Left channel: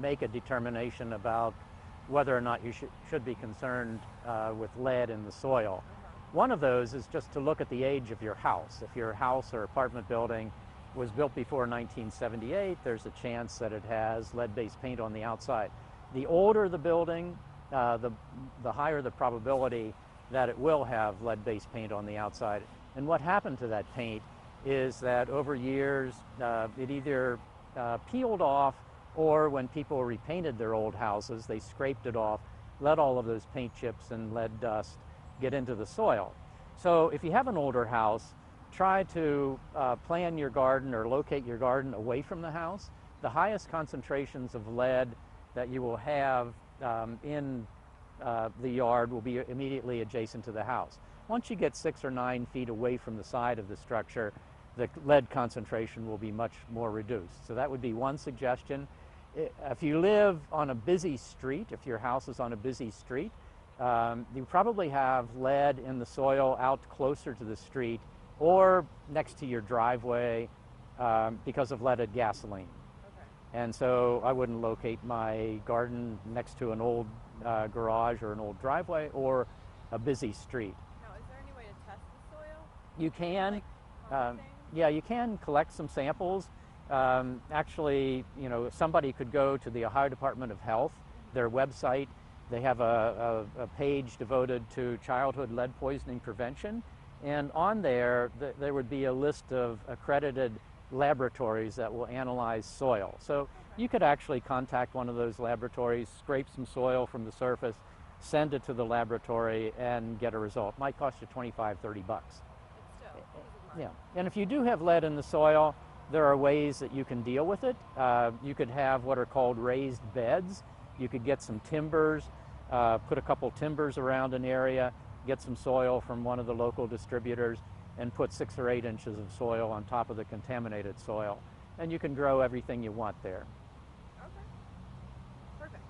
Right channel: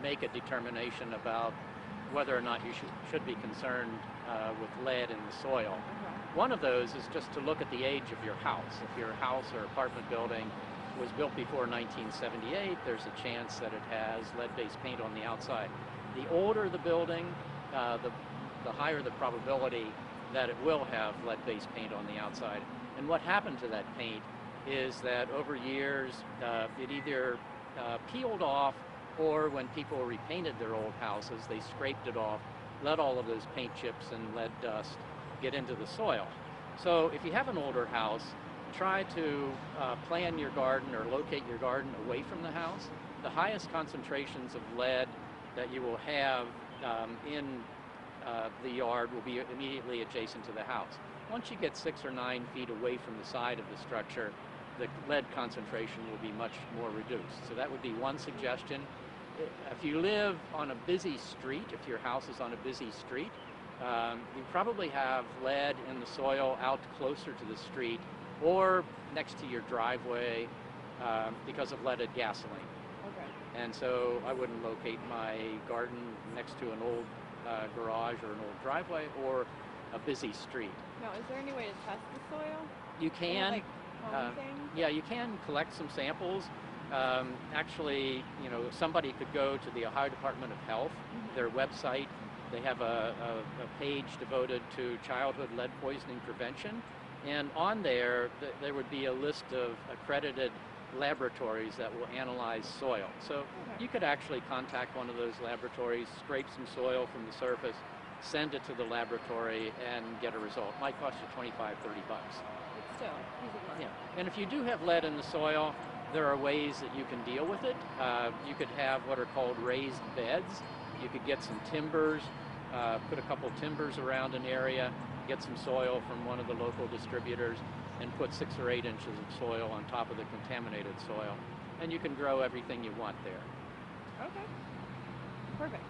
make a determination about whether or not you should be concerned with lead in the soil. One of those is just to look at the age of your house. If your house or apartment building was built before 1978, there's a chance that it has lead-based paint on the outside. The older the building, the higher the probability that it will have lead-based paint on the outside. And what happened to that paint is that over years it either peeled off, or when people repainted their old houses, they scraped it off, let all of those paint chips and lead dust get into the soil. So if you have an older house, try to plan your garden or locate your garden away from the house. The highest concentrations of lead that you will have in the yard will be immediately adjacent to the house. Once you get 6 or 9 feet away from the side of the structure, the lead concentration will be much more reduced. So that would be one suggestion. If you live on a busy street, if your house is on a busy street, you probably have lead in the soil out closer to the street or next to your driveway because of leaded gasoline. Okay. And so I wouldn't locate my garden next to an old garage or an old driveway or a busy street. Now, is there any way to test the soil? You can. Like Yeah, you can collect some samples. Actually, somebody could go to the Ohio Department of Health, their website. They have a page devoted to childhood lead poisoning prevention. And on there, there would be a list of accredited laboratories that will analyze soil. So you could actually contact one of those laboratories, scrape some soil from the surface, send it to the laboratory, and get a result. Might cost you $25, $30. Still, easy money. Yeah, and if you do have lead in the soil, there are ways that you can deal with it. You could have what are called raised beds. You could get some timbers, put a couple timbers around an area, get some soil from one of the local distributors, and put 6 or 8 inches of soil on top of the contaminated soil. And you can grow everything you want there. Okay. Perfect.